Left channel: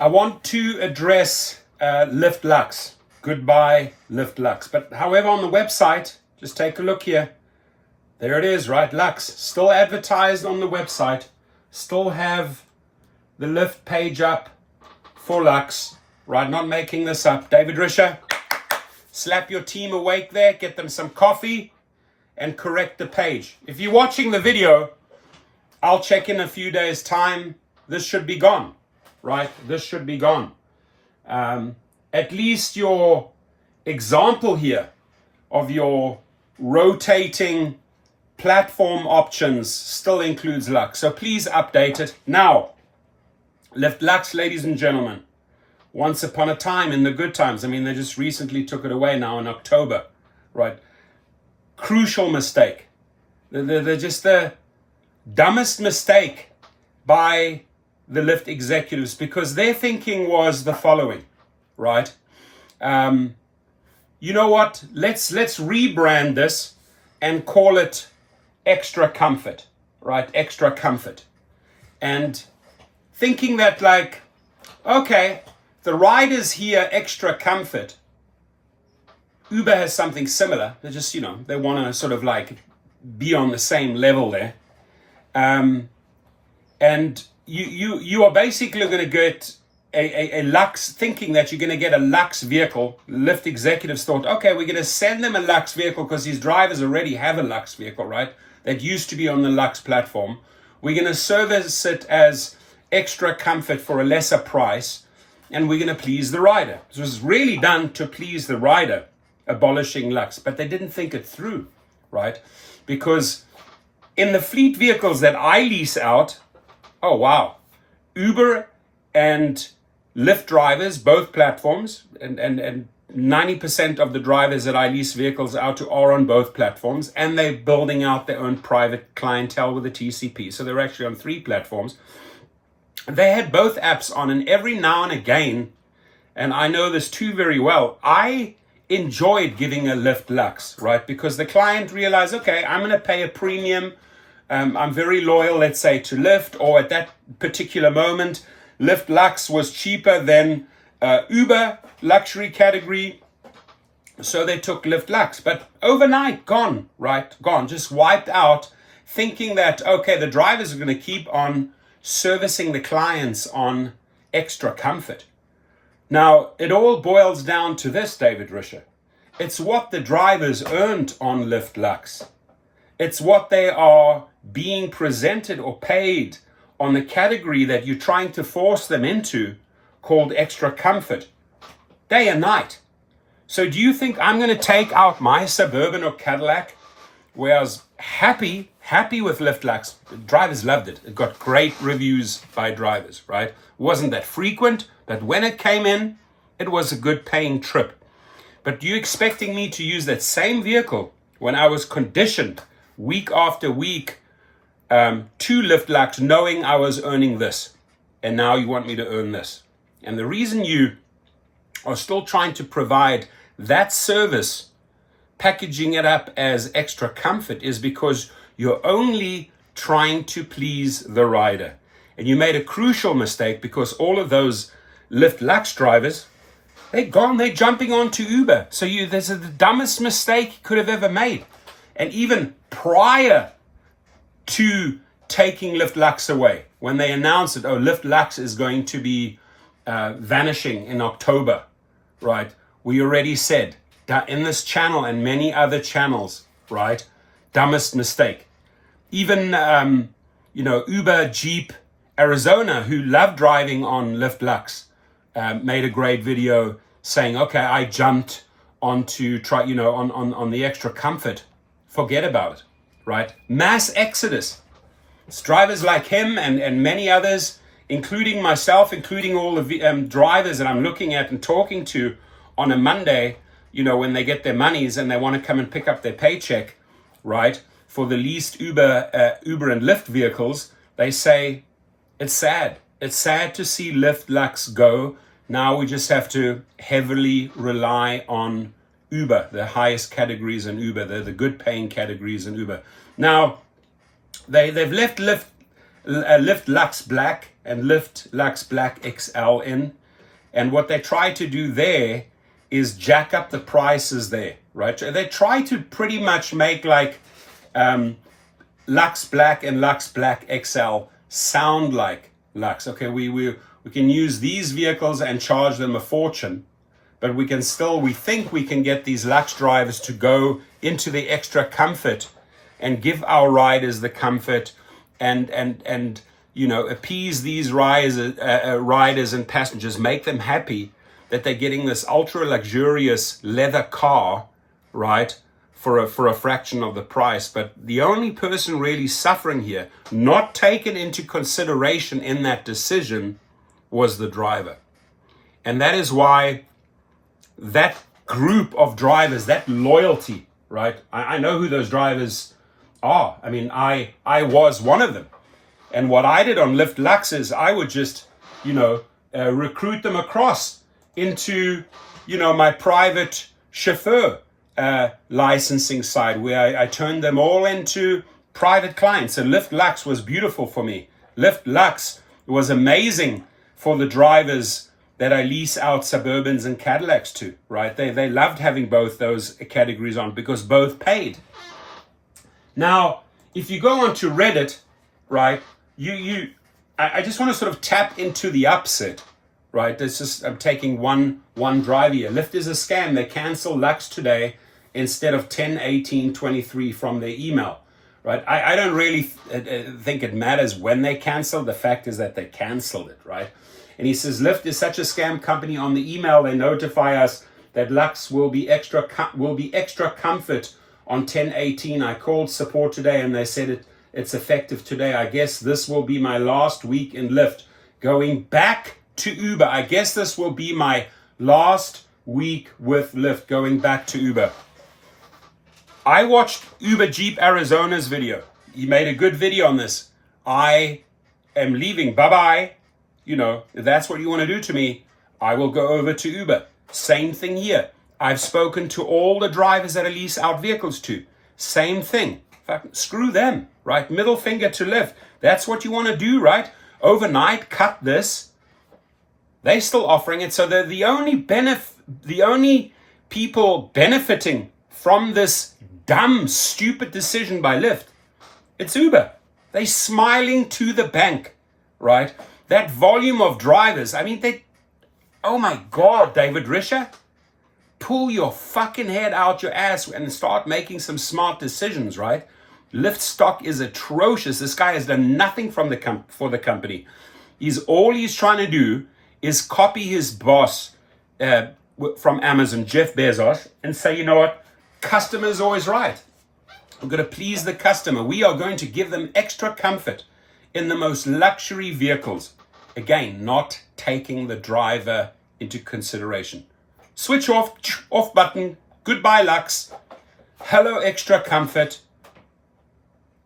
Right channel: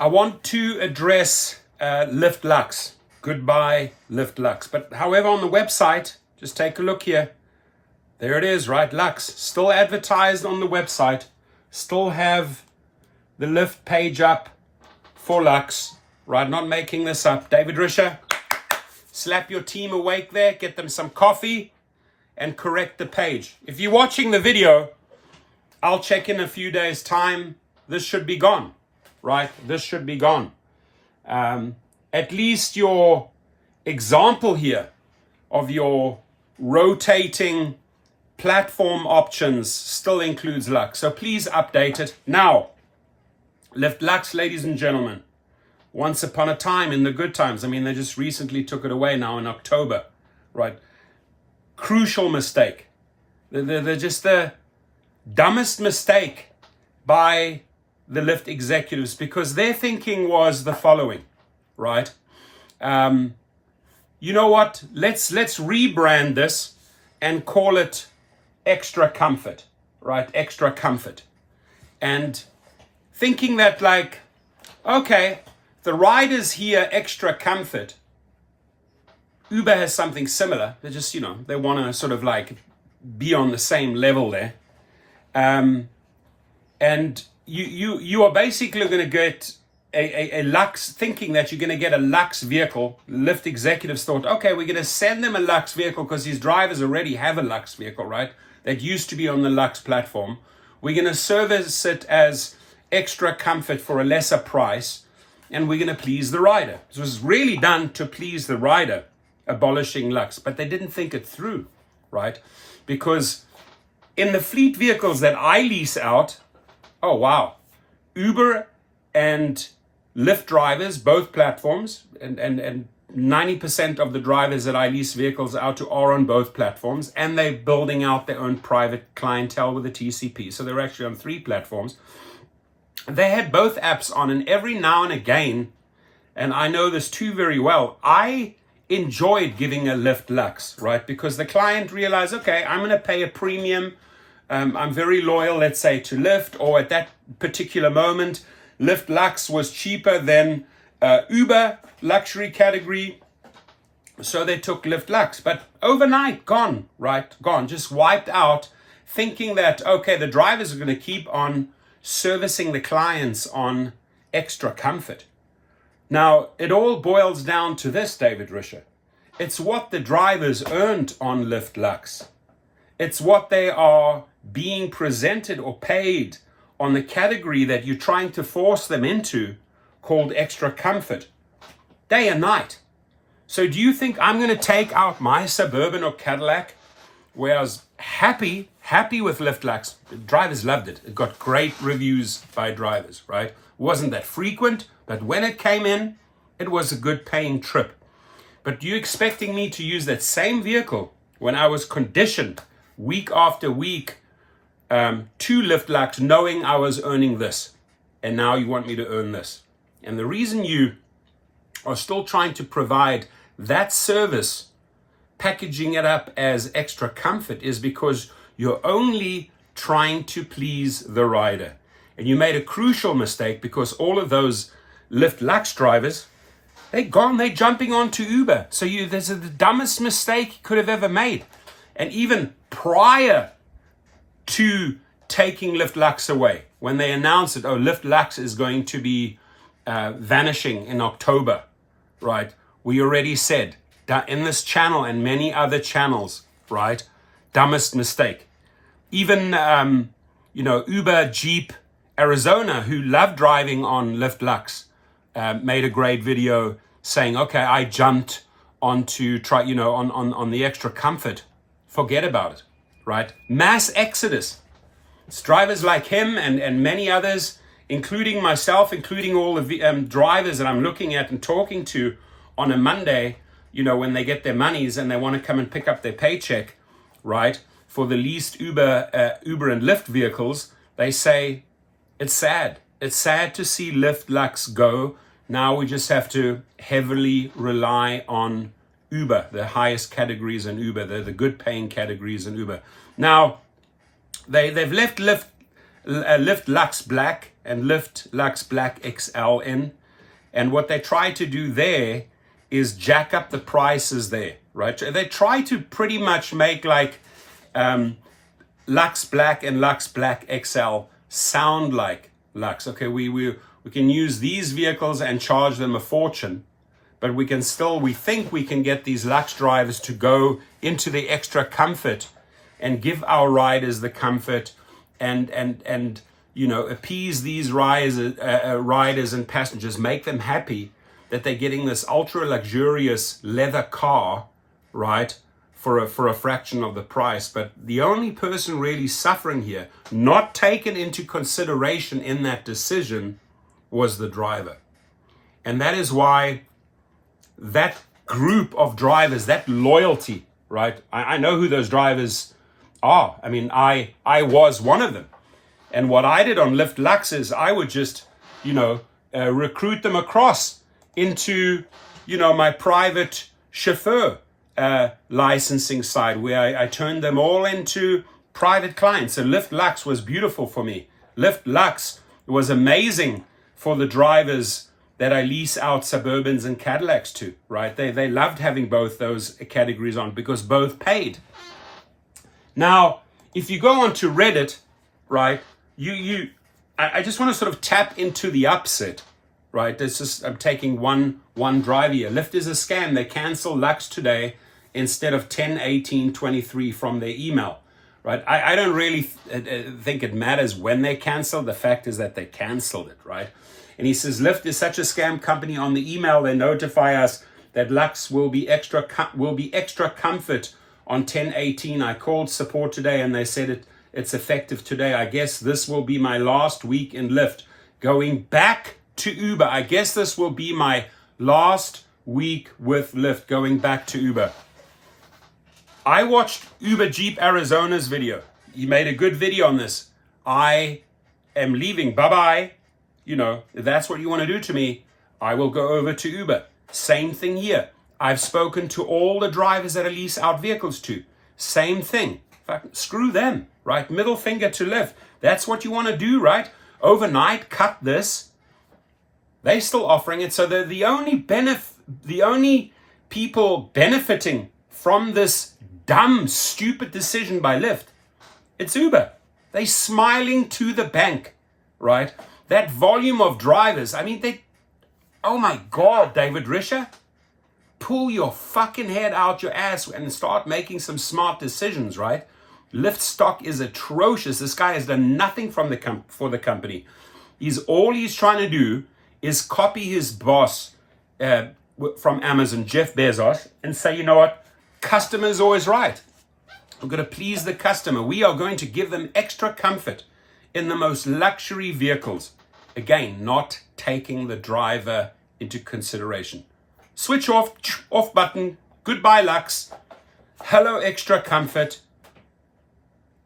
I want to address Lyft Lux. Goodbye, Lyft Lux. But however, on the website, just take a look here. There it is, right? Lux. Still advertised on the website. Still have the Lyft page up for Lux. Right? Not making this up. David Risher, slap your team awake there. Get them some coffee and correct the page. If you're watching the video, I'll check in a few days' time. This should be gone. Right? This should be gone. At least your example here of your rotating platform options still includes Lux. So please update it. Now, Lyft Lux, ladies and gentlemen, once upon a time in the good times, I mean, they just recently took it away now in October, right? Crucial mistake. They're just the dumbest mistake by the Lyft executives, because their thinking was the following, right? You know what? Let's rebrand this and call it Extra Comfort, right? Extra Comfort. And thinking that, like, okay, the riders here, Extra Comfort, Uber has something similar. They just, they want to sort of like be on the same level there. And you are basically going to get a Lux, thinking that you're going to get a Lux vehicle. Lyft executives thought, okay, we're going to send them a Lux vehicle because these drivers already have a Lux vehicle, right? That used to be on the Lux platform. We're going to service it as Extra Comfort for a lesser price, and we're going to please the rider. This was really done to please the rider, abolishing Lux, but they didn't think it through, right? Because in the fleet vehicles that I lease out, oh wow, Uber and Lyft drivers, both platforms, and 90% of the drivers that I lease vehicles out to are on both platforms, and they're building out their own private clientele with the TCP. So they're actually on 3 platforms. They had both apps on, and every now and again, and I know this too very well, I enjoyed giving a Lyft Lux, right? Because the client realized, okay, I'm going to pay a premium. I'm very loyal, let's say, to Lyft, or at that particular moment, Lyft Lux was cheaper than Uber luxury category. So they took Lyft Lux, but overnight, gone, right? Gone, just wiped out, thinking that, okay, the drivers are going to keep on servicing the clients on Extra Comfort. Now, it all boils down to this, David Risher. It's what the drivers earned on Lyft Lux. It's what they are being presented or paid on the category that you're trying to force them into, called Extra Comfort, day and night. So do you think I'm going to take out my Suburban or Cadillac, where I was happy with Lyft Lux? The drivers loved it. It got great reviews by drivers, right? It wasn't that frequent, but when it came in, it was a good paying trip. But you expecting me to use that same vehicle when I was conditioned week after week to Lyft Lux, knowing I was earning this, and now you want me to earn this? And the reason you are still trying to provide that service, packaging it up as Extra Comfort, is because you're only trying to please the rider. And you made a crucial mistake, because all of those Lyft Lux drivers, they're gone, they're jumping onto Uber. So this is the dumbest mistake you could have ever made. And even prior to taking Lyft Lux away, when they announced it, Lyft Lux is going to be vanishing in October, right? We already said that in this channel and many other channels, right? Dumbest mistake. Even, Uber, Jeep, Arizona, who love driving on Lyft Lux, made a great video saying, okay, I jumped onto on the Extra Comfort. Forget about it, right? Mass exodus. It's drivers like him and many others, including myself, including all the drivers that I'm looking at and talking to on a Monday, when they get their monies and they want to come and pick up their paycheck, right? For the leased Uber and Lyft vehicles, they say, it's sad. It's sad to see Lyft Lux go. Now we just have to heavily rely on Uber, the highest categories in Uber, the good paying categories in Uber. Now, they've left Lyft Lux black and Lyft Lux Black XL in. And what they try to do there is jack up the prices there, right? They try to pretty much make like Lux Black and Lux Black XL sound like Lux. Okay, we can use these vehicles and charge them a fortune, but we think we can get these Lux drivers to go into the extra comfort and give our riders the comfort and appease these riders and passengers, make them happy that they're getting this ultra luxurious leather car, right, for a fraction of the price. But the only person really suffering here, not taken into consideration in that decision, was the driver. And that is why that group of drivers, that loyalty, right? I know who those drivers are. I mean, I was one of them. And what I did on Lyft Lux is I would just, recruit them across into, my private chauffeur licensing side, where I turned them all into private clients. So Lyft Lux was beautiful for me. Lyft Lux was amazing for the drivers that I lease out Suburbans and Cadillacs to, right? They loved having both those categories on because both paid. Now, if you go onto Reddit, right, I just want to sort of tap into the upset, right? I'm taking one driver here. Lyft is a scam. They cancel Lux today instead of 10/18/23 from their email, right? I don't really think it matters when they cancel. The fact is that they canceled it, right? And he says, Lyft is such a scam company. On the email, they notify us that Lux will be extra comfort on 10/18. I called support today and they said it's effective today. I guess this will be my last week in Lyft. Going back to Uber. I guess this will be my last week with Lyft, going back to Uber. I watched Uber Jeep Arizona's video. He made a good video on this. I am leaving. Bye-bye. If that's what you want to do to me, I will go over to Uber. Same thing here. I've spoken to all the drivers that I lease out vehicles to. Same thing. In fact, screw them, right? Middle finger to Lyft. That's what you want to do, right? Overnight, cut this. They're still offering it. So they're the only people benefiting from this dumb, stupid decision by Lyft. It's Uber. They're smiling to the bank, right? That volume of drivers, I mean, oh my God, David Risher, pull your fucking head out your ass and start making some smart decisions, right? Lyft stock is atrocious. This guy has done nothing for the company. All he's trying to do is copy his boss from Amazon, Jeff Bezos, and say, you know what? Customer is always right. We're going to please the customer. We are going to give them extra comfort in the most luxury vehicles. Again, not taking the driver into consideration. Switch off button. Goodbye, Lux. Hello, extra comfort.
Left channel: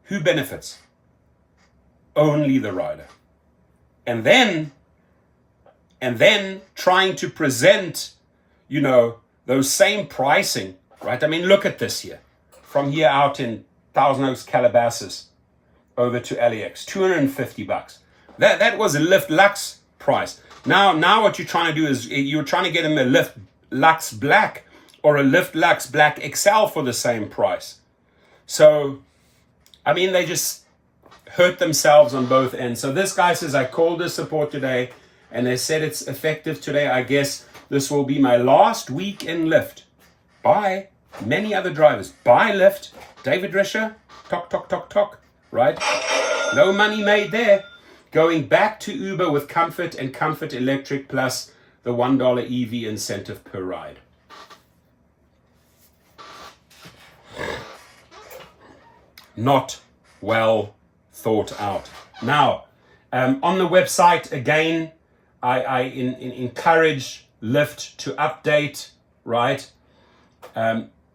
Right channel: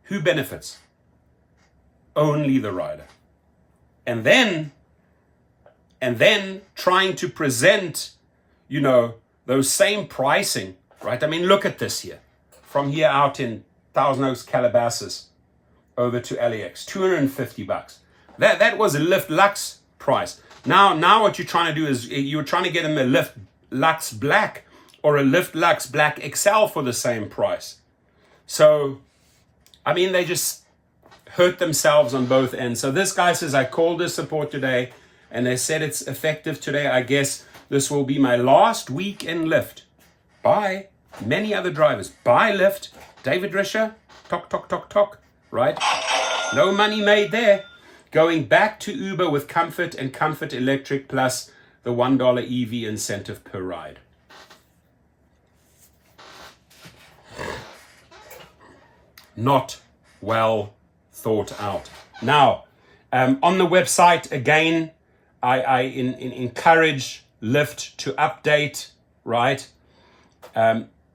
Who benefits? Only the rider. And then trying to present, those same pricing, right? I mean, look at this here. From here out in Thousand Oaks, Calabasas, over to LAX, $250. That was a Lyft Lux price. Now what you're trying to do is you're trying to get them a Lyft Lux Black or a Lyft Lux Black XL for the same price. So, I mean, they just hurt themselves on both ends. So this guy says, I called the support today and they said it's effective today. I guess this will be my last week in Lyft. Bye. Many other drivers. Bye, Lyft. David Risher. Talk, talk, talk, talk. Right? No money made there. Going back to Uber with Comfort and Comfort Electric plus the $1 EV incentive per ride. Not well thought out. Now, on the website, again, I encourage Lyft to update, right?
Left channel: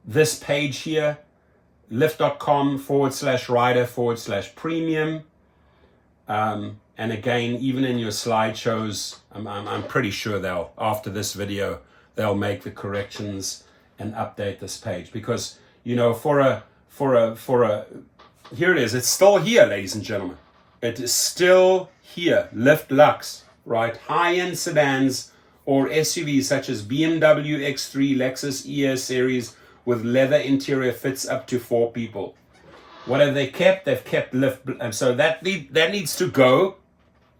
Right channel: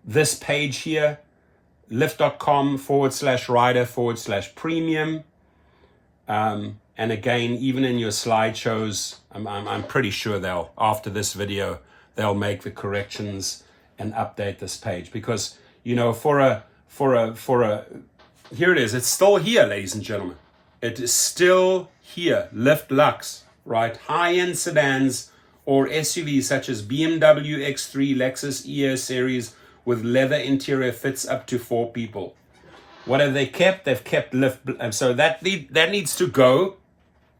This page here, lyft.com/rider/premium. And again, even in your slideshows, I'm pretty sure after this video, they'll make the corrections and update this page because, here it is. It's still here, ladies and gentlemen. It is still here, Lyft Lux, right? High-end sedans or SUVs such as BMW X3, Lexus ES series with leather interior fits up to 4 people. What have they kept? They've kept Lyft, and so that needs to go.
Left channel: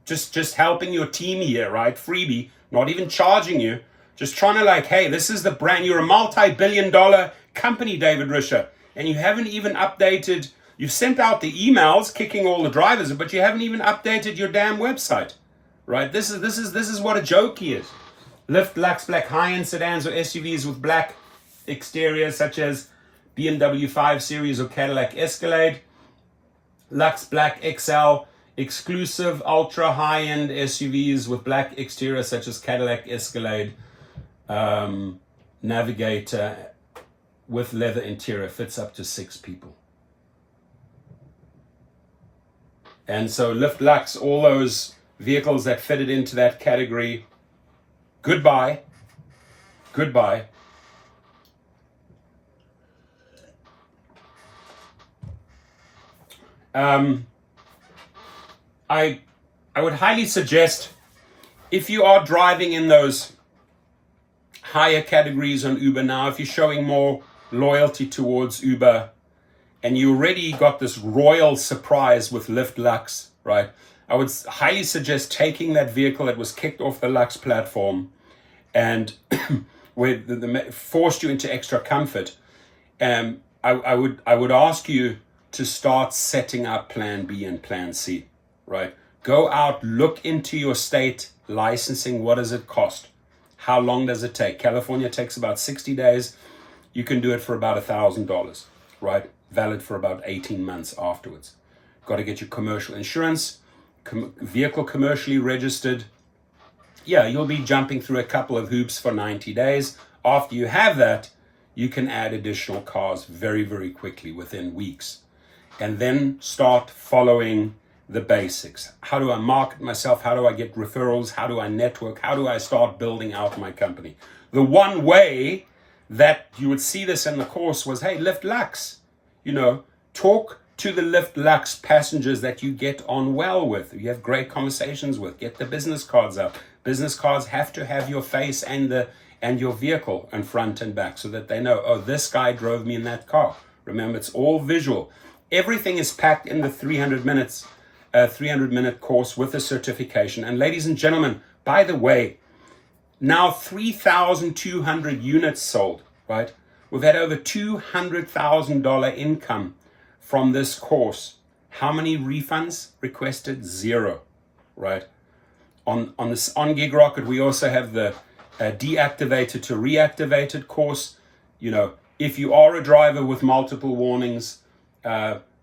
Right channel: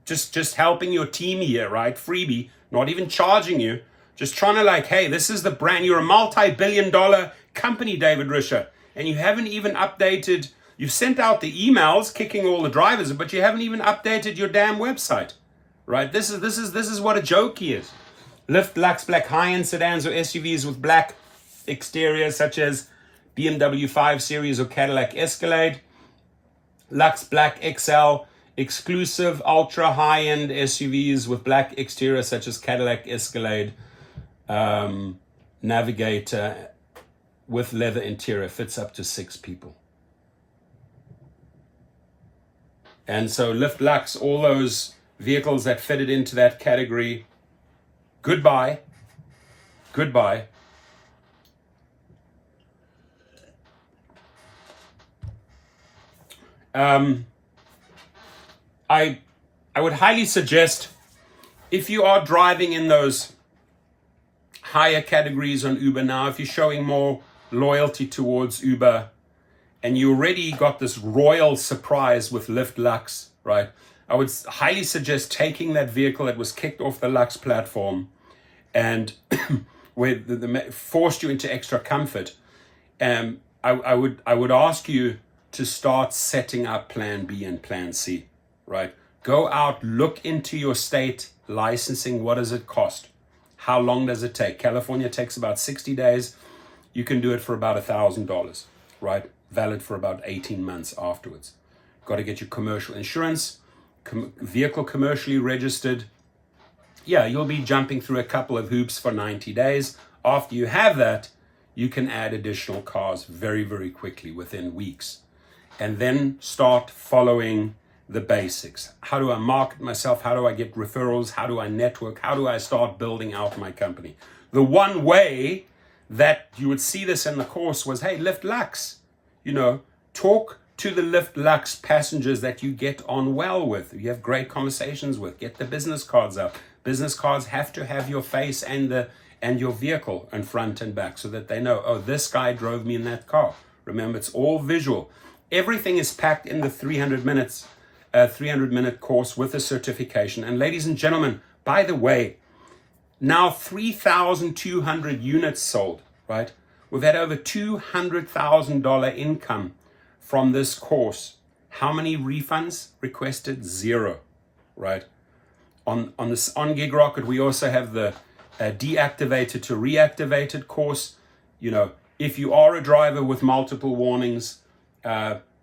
Just helping your team here, right? Freebie, not even charging you. Just trying to like, hey, this is the brand. You're a multi-billion-dollar company, David Risher, and you haven't even updated. You've sent out the emails kicking all the drivers, but you haven't even updated your damn website, right? This is what a joke is. Lyft Lux black high-end sedans or SUVs with black exteriors such as BMW 5 Series or Cadillac Escalade. Lux Black XL exclusive ultra high-end SUVs with black exteriors such as Cadillac Escalade, Navigator with leather interior, fits up to 6 people. And so Lyft Lux, all those vehicles that fitted into that category, goodbye. I would highly suggest, if you are driving in those higher categories on Uber now, if you're showing more loyalty towards Uber and you already got this royal surprise with Lyft Lux, right? I would highly suggest taking that vehicle that was kicked off the Lux platform and where forced you into extra comfort. I would ask you to start setting up plan B and plan C, right? Go out, look into your state licensing. What does it cost? How long does it take? California takes about 60 days. You can do it for about $1,000, right? Valid for about 18 months afterwards. Got to get your commercial insurance, vehicle commercially registered. Yeah, you'll be jumping through a couple of hoops for 90 days. After you have that, you can add additional cars very, very quickly within weeks. And then start following the basics. How do I market myself? How do I get referrals? How do I network? How do I start building out my company? The one way that you would see this in the course was, hey, Lyft Lux, talk to the Lyft Lux passengers that you get on well with, you have great conversations with, get the business cards out. Business cards have to have your face and your vehicle in front and back so that they know, oh, this guy drove me in that car. Remember, it's all visual. Everything is packed in the 300-minute course with a certification. And ladies and gentlemen, by the way, now 3,200 units sold, right? We've had over $200,000 income from this course. How many refunds requested? 0, right? On Gig Rocket, we also have the deactivated to reactivated course. If you are a driver with multiple warnings,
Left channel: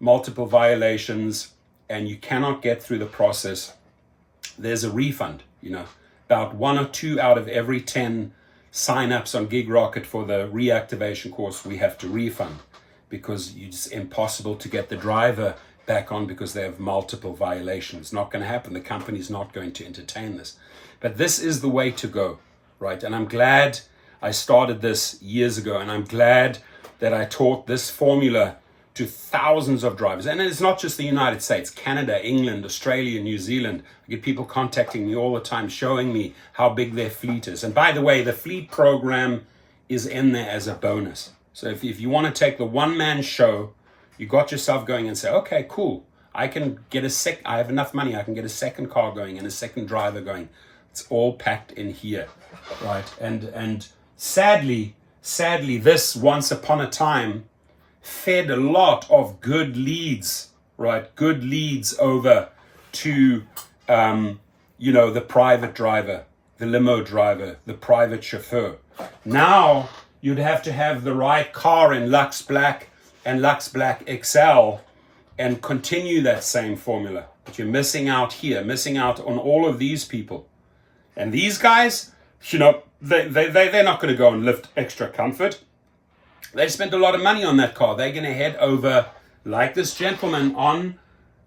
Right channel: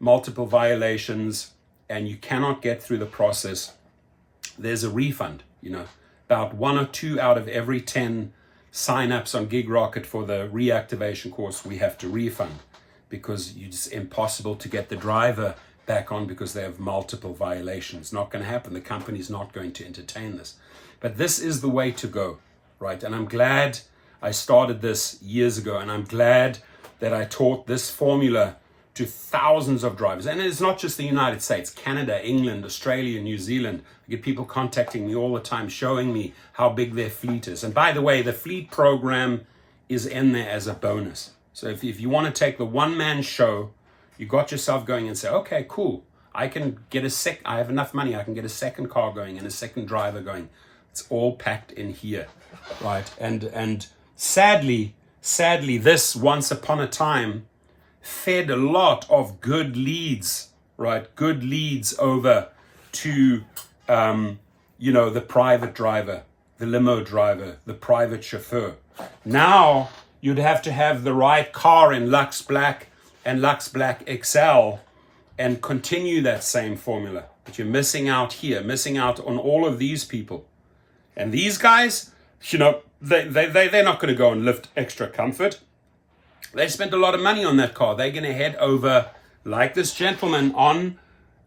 multiple violations, and you cannot get through the process, there's a refund. About 1 or 2 out of every 10 sign-ups on Gig Rocket for the reactivation course we have to refund, because it's impossible to get the driver back on because they have multiple violations. Not going to happen. The company's not going to entertain this. But this is the way to go, right? And I'm glad I started this years ago, and I'm glad that I taught this formula to thousands of drivers. And it's not just the United States, Canada, England, Australia, New Zealand. I get people contacting me all the time, showing me how big their fleet is. And by the way, the fleet program is in there as a bonus. So if you want to take the one-man show, you got yourself going and say, okay, cool. I can get I have enough money. I can get a second car going and a second driver going. It's all packed in here, right? And sadly, this once upon a time fed a lot of good leads, right? Good leads over to, the private driver, the limo driver, the private chauffeur. Now you'd have to have the right car in Lux Black and Lux Black XL and continue that same formula. But you're missing out here, missing out on all of these people. And these guys, they're not going to go and lift extra comfort. They spent a lot of money on that car. They're going to head over, like this gentleman on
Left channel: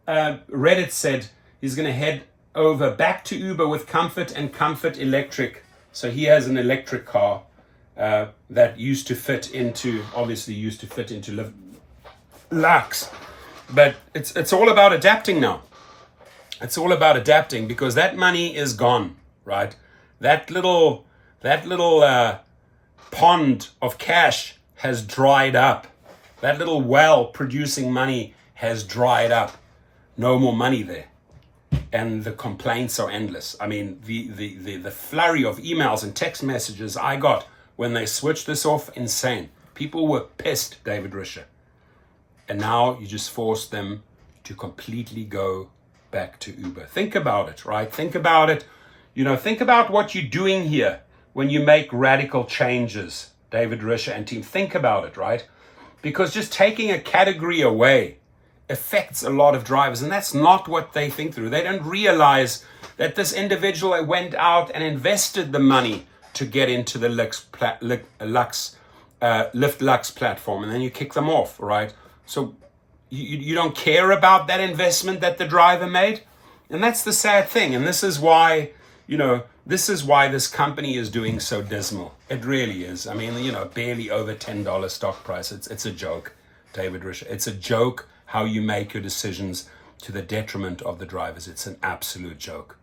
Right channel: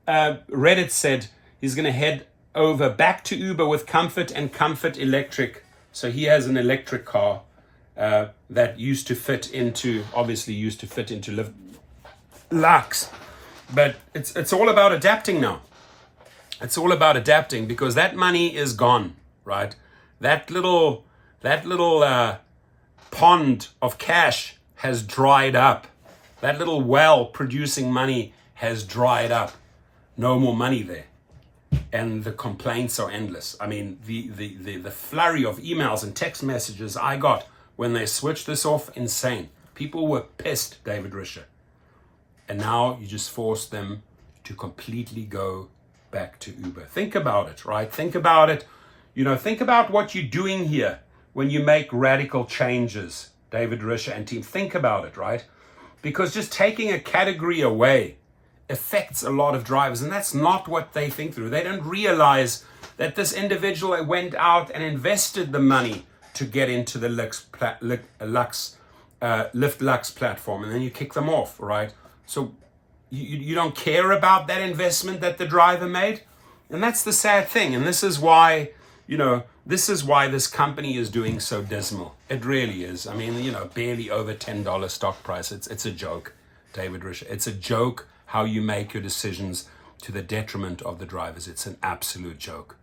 Reddit said, he's going to head over back to Uber with Comfort and Comfort Electric. So he has an electric car that used to fit into Lyft Lux. But it's all about adapting now. It's all about adapting, because that money is gone, right? That little pond of cash has dried up. That little well producing money has dried up. No more money there. And the complaints are endless. I mean, the flurry of emails and text messages I got when they switched this off, insane. People were pissed, David Risher. And now you just force them to completely go back to Uber. Think about it, right? Think about it. Think about what you're doing here when you make radical changes, David Risher and team. Think about it, right? Because just taking a category away affects a lot of drivers, and that's not what they think through. They don't realize that this individual went out and invested the money to get into the Lyft Lux platform, and then you kick them off, right? So you don't care about that investment that the driver made, and that's the sad thing. And this is why this company is doing so dismal. It really is. I mean, barely over $10 stock price. It's a joke, David Risher. It's a joke how you make your decisions to the detriment of the drivers. It's an absolute joke.